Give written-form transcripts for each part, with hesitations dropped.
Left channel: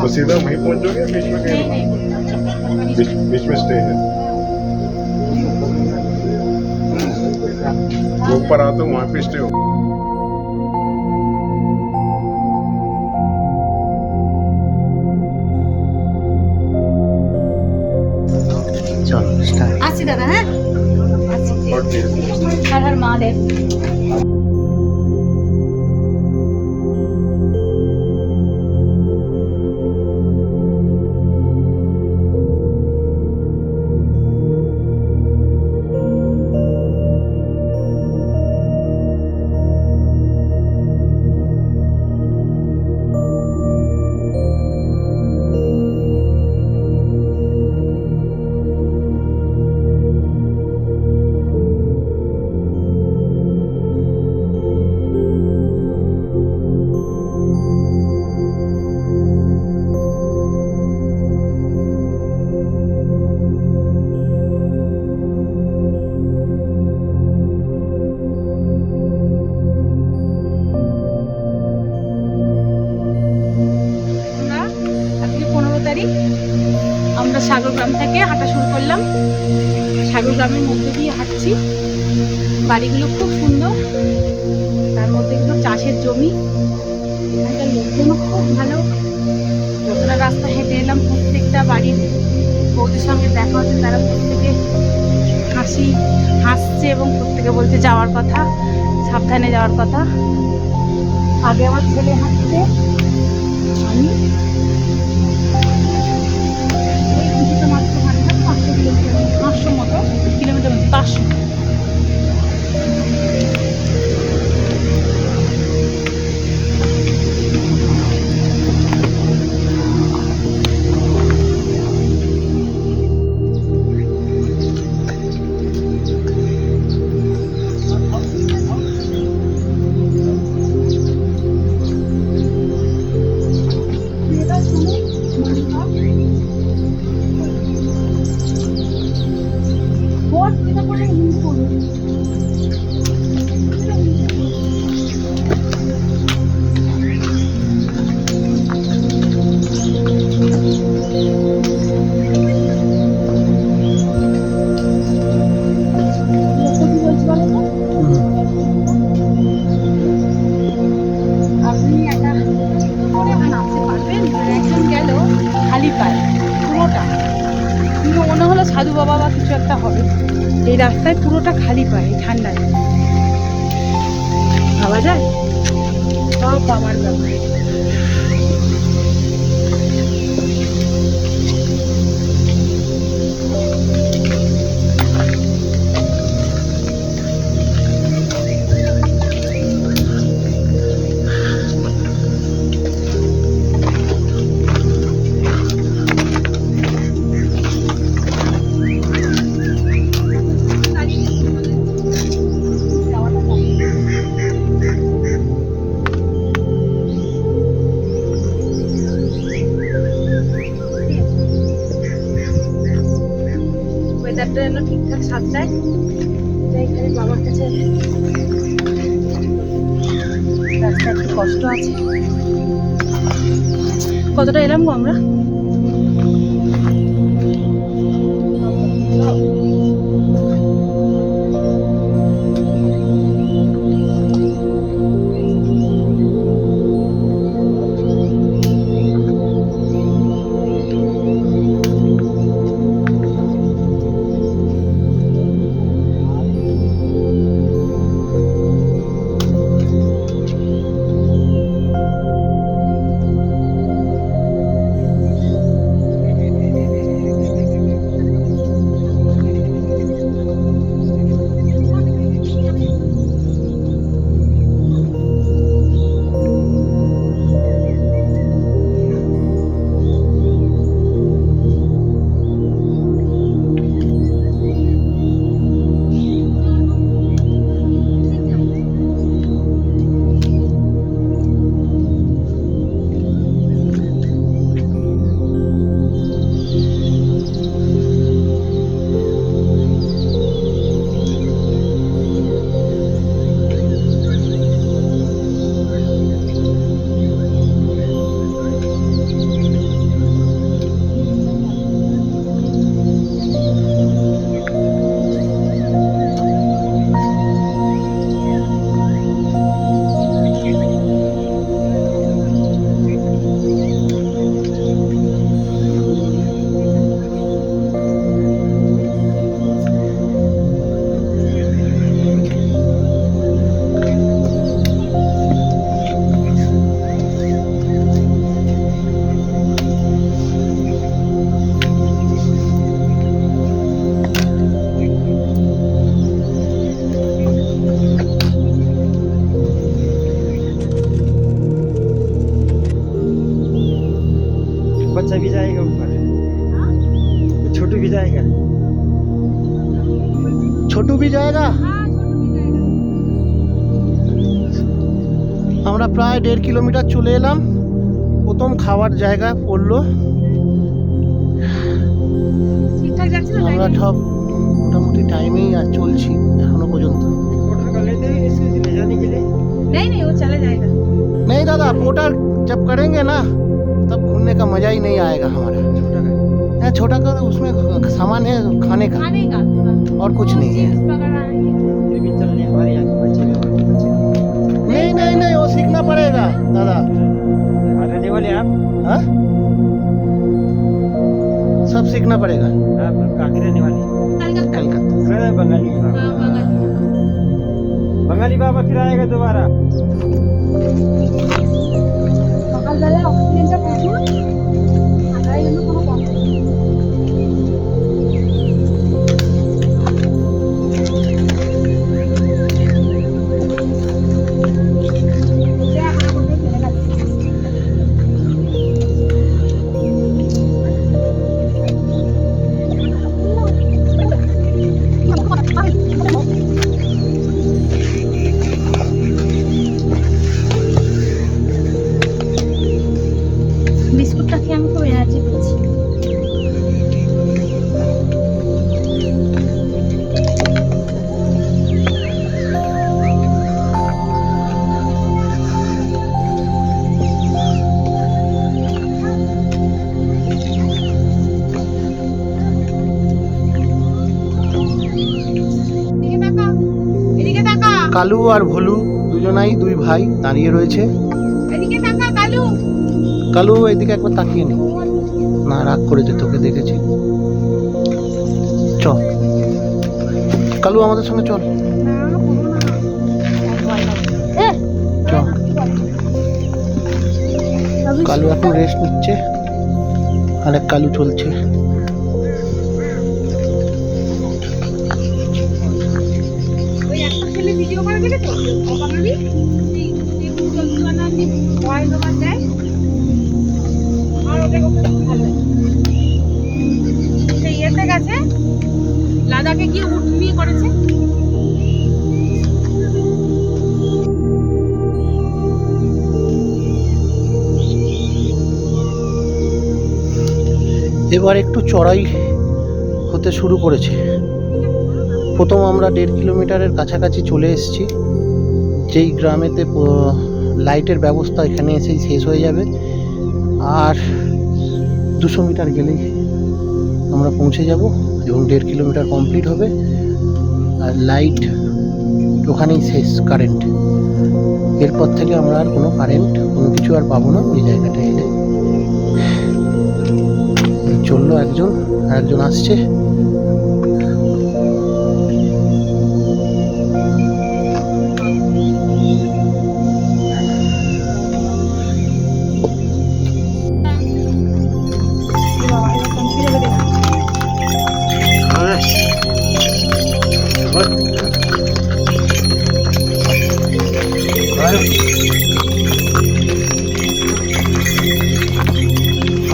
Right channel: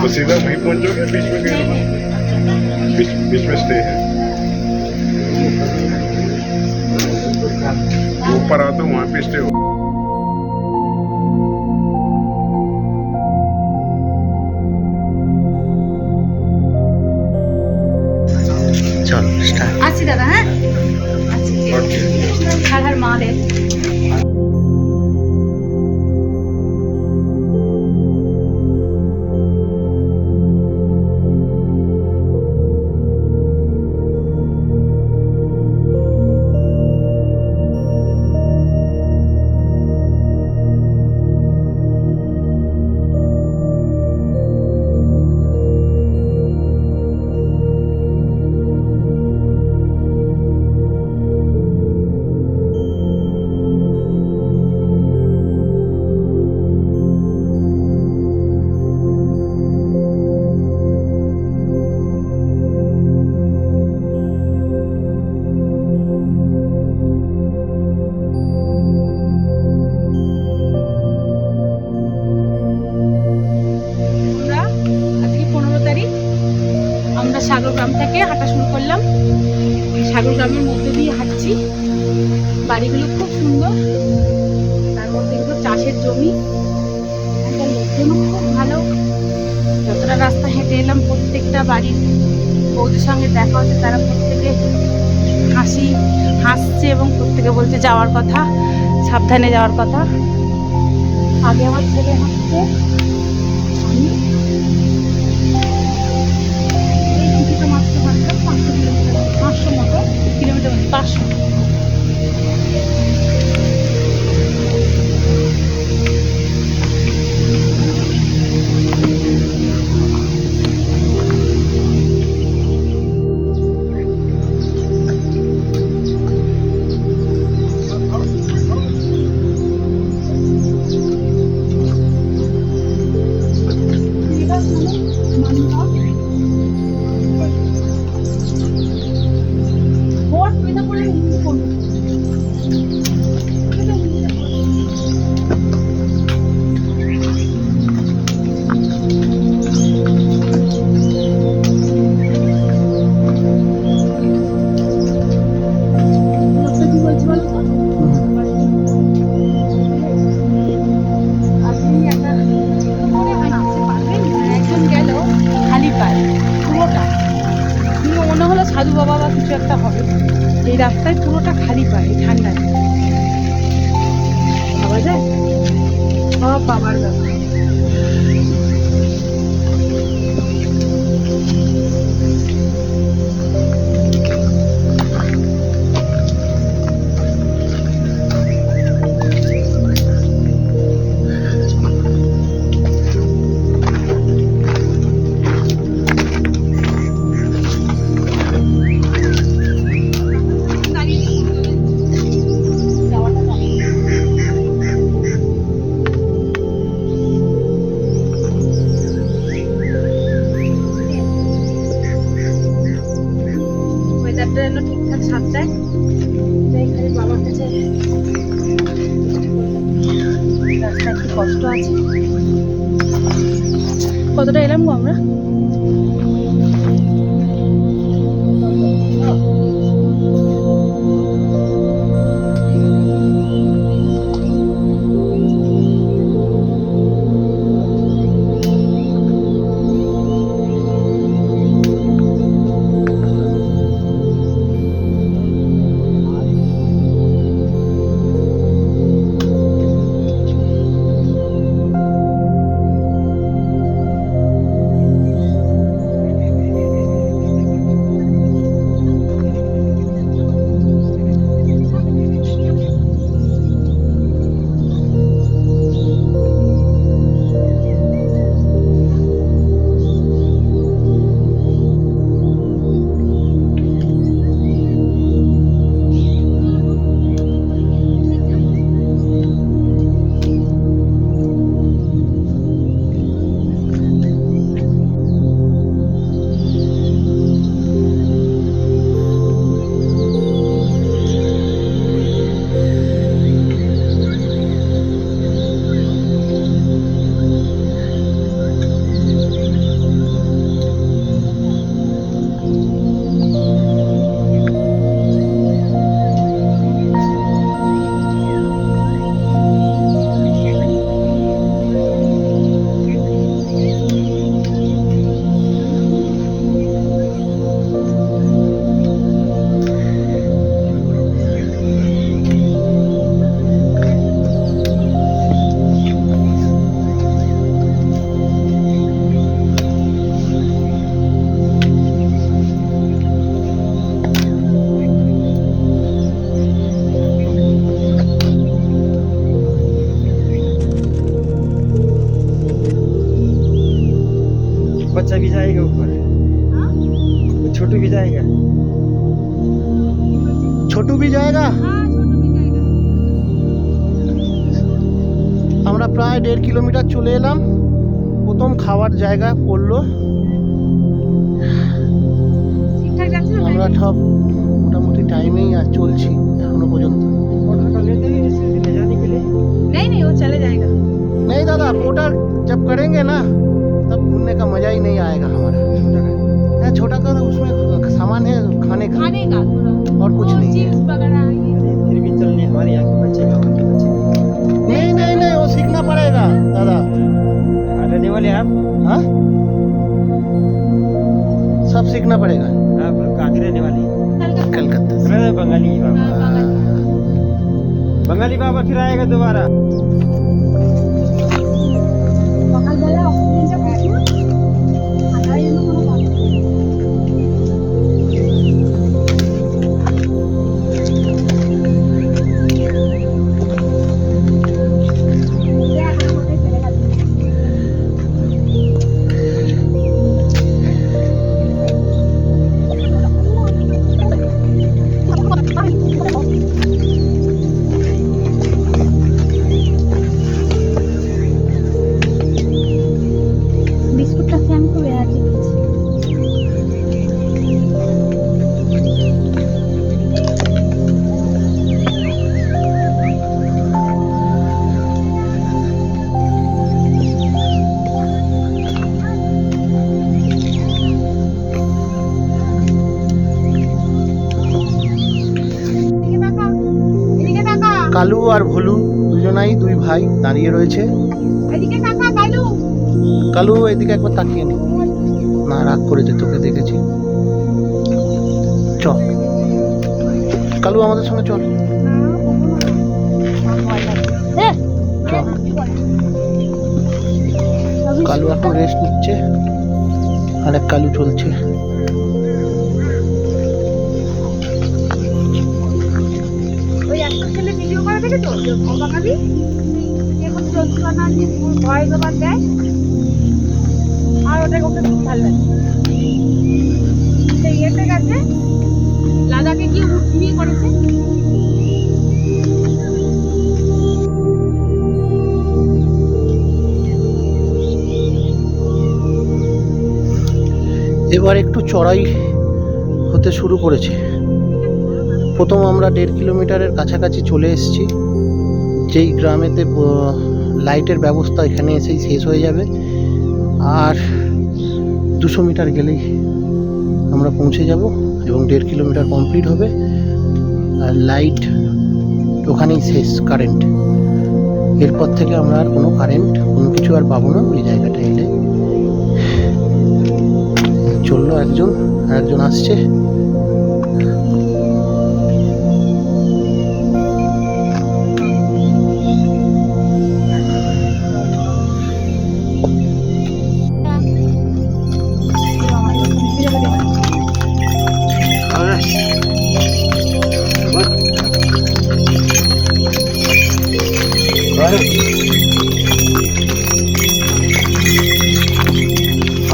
तो सीधा वहीं पहुंचोगे, बीच में कहीं बीच में स्टे है? ऊपर आओ तो वहाँ पे स्टे हो। चलो स्टार्ट। আসছি দাদা, হ্যাঁ হর মহাদেব। আমরা সাগরগ্রাম থেকে হাঁটা শুরু করলাম। সাগরগ্রামের মধ্যে দিয়ে হাঁটছি। বাড়িগুলো খুব সুন্দর, তার মধ্যে কিন্তু চাষের জমি। এখানকার লোকজনও খুব ভালো। যতটা রাস্তা হেঁটে এলাম প্রত্যেকটা বাড়ির বৌদির সঙ্গে দেখা হচ্ছে, তারা প্রত্যেকে হাসছে এবং প্রত্যেকে বলছে যাওয়ার কথা, সাবধানে যাওয়ার কথা। আগে আমার ছেলে হাঁটছে, আমি কিছুটা মাত্র হাঁটলাম, 500 কিলোমিটার, 500 মতো কিলোমিটার, 500। মনে হলো সাধু বাবা বা কিছু একটা হবে। এই রাস্তায় পুরোটা খালি পায় ঠান্ডায়, ভাবা যায় সব বাবার ব্যাপার। ওয়েদারটা যেন ঠিকঠাক সাথ দেয়, তাই খালি বাবার কাছে। রাস্তা একটু কষ্ট আছে। কতটা এলাম গো আমরা? जाएगा ऊपर, छोटू भी जाएगा, छोटू भी जाएगा। আমরা প্রায় 1.5 কিলোমিটার চলে এলাম। প্রথম খাওয়ার জায়গা পড়লো। ঠিকঠাক যাচ্ছে না? আমরা সব মোটামুটি টাইমেই আর চলছি এখনো পর্যন্ত। नहीं नहीं वो चले जाएगा। नहीं दादा, पोर्टर जब करेंगे ना तब घूमने का मजा ही नहीं आएगा हमारा। छोटा का है, छोटा का उसमें सामान है खाने का खाने का और कुछ नहीं है। चिप्स वगैरह फिर भी चलने हमारे यहाँ के बच्चे नहीं नहीं नहीं, वो सीखना पड़ेगा दादा। रहने वाले आप? हाँ, सब सीखना पड़ेगा। आप कहाँ के रहने वाले? कलकत्ता से। बंगाली बंगाली बाबा फिर आएगा दोबारा। সকালবেলা অক্সিজেনটা প্রচুর, তাই জন্য কোনো কথা নেই। বিস্কুটটা খেয়ে আমি খুব এনার্জি পেয়েছি। কালু আর ভোলু দুজনাই দুই ভাই দাঁড়িয়ে রয়েছে। এদিকে তাকা কালু। কালু এদিকে একবার তাকিয়ে নি, না রাগ করেছে, তোকে দেখেছি। চল কালু আমাদের সঙ্গে চল, চল। কালু এখন রেস্ট নিচ্ছে, আর এক কালু চলছে। ওই একটা ছেলে ভিডিও করে দেখেছো বাঙালি, এখন চলছে না যে ভয়েস ওভার দেয়, আর ওটা করতে খুব ভালো লাগে। সেই ইয়েতে গেছে, লাদাখে গিয়ে উট নিয়ে করেছে। এবার একটু চড়াই হতে শুরু করেছে। প্রথম আমরা 1.5 কিলোমিটারের কাছাকাছি চলে এসেছি। যেই গ্রামেতে লাইটের ব্যবস্থা এখানে এসেই শেষ হয়ে যাবে, আর 200 মিটার গেলেই আমরা পৌঁছে যাব এবং 1.5 কিলোমিটার কমপ্লিট হবে। আর লাইট ওখানেই শেষ, কারেন্ট। এরপর থেকে আমরা আর কোনো কারেন্ট কোনো কিছু আর পাবো না ওই জায়গাটা এলে। চললো একজন, আর একজন আসছে।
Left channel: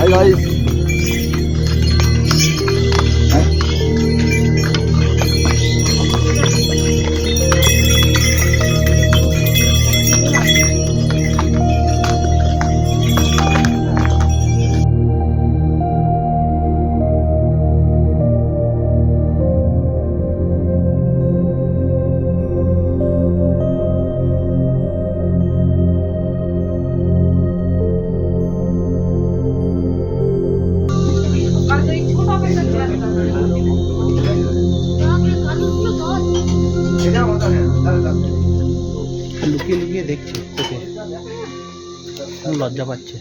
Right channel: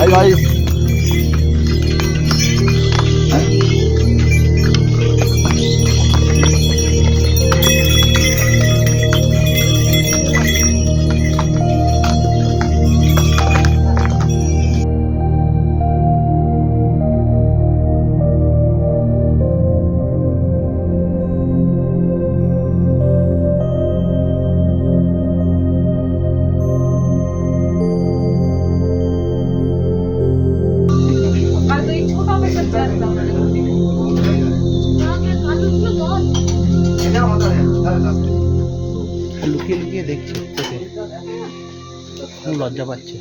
Hi guys. লুকিয়ে লুকিয়ে দেখছে তোকে, লজ্জা পাচ্ছে।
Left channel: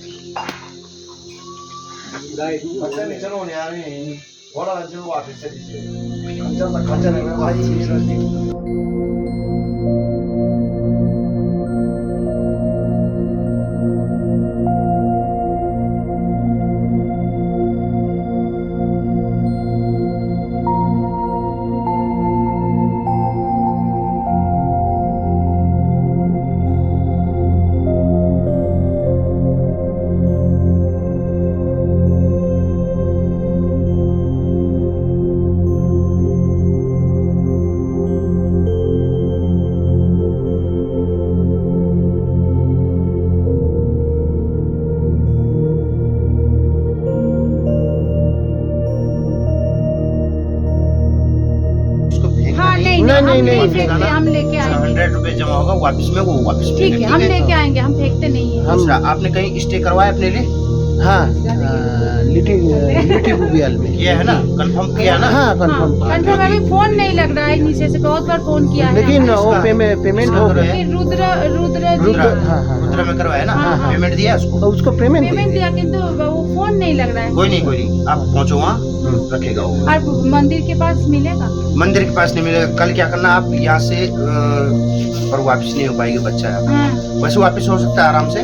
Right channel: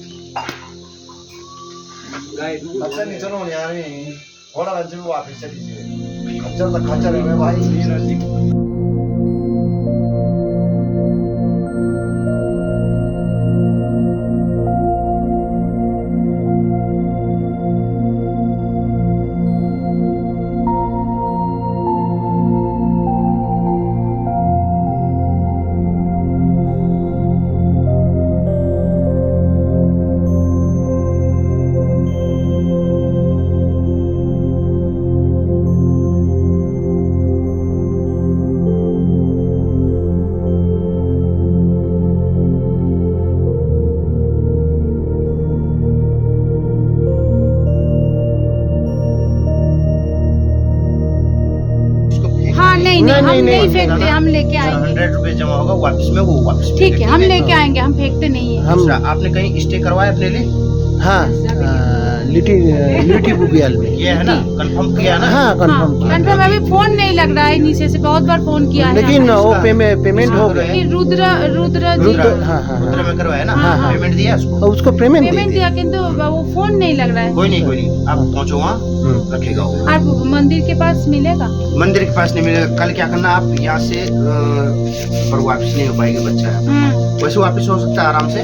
नहीं, नहीं, नहीं फेंकते, हम लेके आएंगे। 100 रुपए जमा होगा वापस में, वो वापस ठीक मिलेगा, है, हम लेके आएंगे, हम फेंकते नहीं है। हम दूसरा, आपने कहीं स्टे करवाया अपने लिए? हाँ लिटी बुबियाल में किया है ना, कंफर्म किया है ना? हाँ कंफर्म किया। कंफर्म अभी फोन नहीं लग रहा है नीचे से, बहुत बार फोन किया है। लेकिन वो इसका- पेमेंट इसका हो तो गया। है। रुद्र रुद्र हाँ, हाँ, रुद्र में करवाया ना? हाँ, हाँ। पेमेंट दिया उसको? उसको पेमेंट पेमेंट दिया, किंतु वो फोन नहीं लग रहा है। कोई नहीं, आप पहुंचो वहाँ, रखेगा वो। आप मंदिर के पास मिलेगा? मंदिर के पास नहीं मिलेगा। कल क्या करना, आप यहाँ से पर वापस नहीं हो पाएगी बच्चा, वैसे वापस हो सकता है आराम से।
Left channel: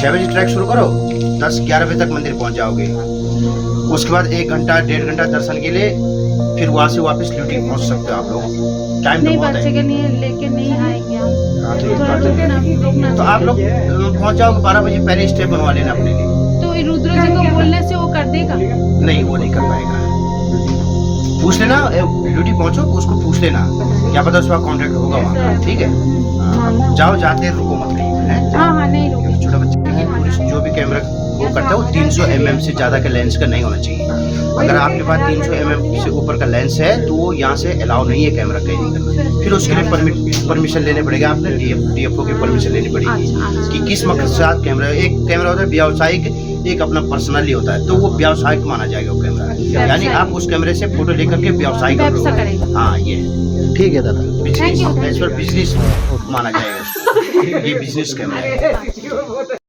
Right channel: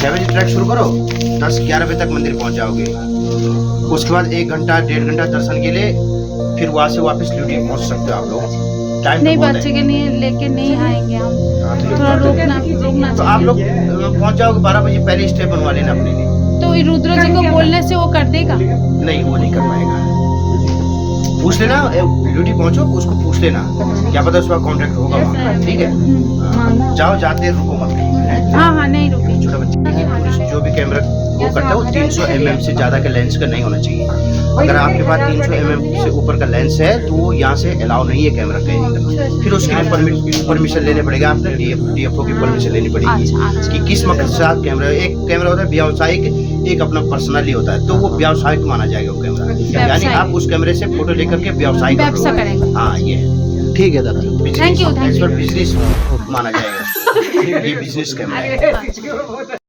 6 बजे ट्रैक शुरू करो, 10-11 बजे तक मंदिर पहुंच जाओगे। उसके बाद 1 घंटा 1.5 घंटा दर्शन के लिए, फिर वहाँ से वापस ड्यूटी पहुंच सकते हो आप लोग। टाइम तो नहीं, बहुत बच्चे है। के लिए लेके नहीं आएंगे हम। हाँ, तो ये थोड़ा बात है। रोकना तो आप लोग पहुंच जाओगे 12 बजे, पहले स्टे बनवा लेना अपने लिए। तो ये रुद्र जी को बोलने से वो कर देगा? नहीं, वो नहीं कर पाएगा। पूछ लेना, ड्यूटी पहुंचो, उसको पूछ लेना, क्या पता उसका कॉन्ट्रैक्ट होगा वहाँ, ठीक है? हाँ, जाओ, जाते रुको मत कहीं पे, हैं? हाँ हाँ, नहीं रोके। छोटा बच्चे की पुलिस जो भी कैमरा वो करता है, वो 300 mm से ज़्यादा का लेंस का नहीं होना चाहिए। अगर आपके पास 300 mm से ऊपर का लेंस है तो वो यहाँ से अलाउ नहीं है कैमरा कैरिंग करना। फिर उसके लिए परमिशन लेने पड़ेगा, आपने DFO की परमिशन लेनी पड़ेगी कि किस मकसद से आप कैमरा। एक कैमरा होता है व्यावसायिक, एक अपना पर्सनली होता है, तो वो व्यावसायिक माना जाएगा वो कैमरा। यानी आप उस कैमरे से फोटो लेकर के व्यवसाय कर व्यवसाय रहे करेंगे। हो। हाँ, ये ठीक है दादा। Business, Thank you. एज पर बिजनेस माना जाएगा उसको। ये बिजनेस कैमरा है।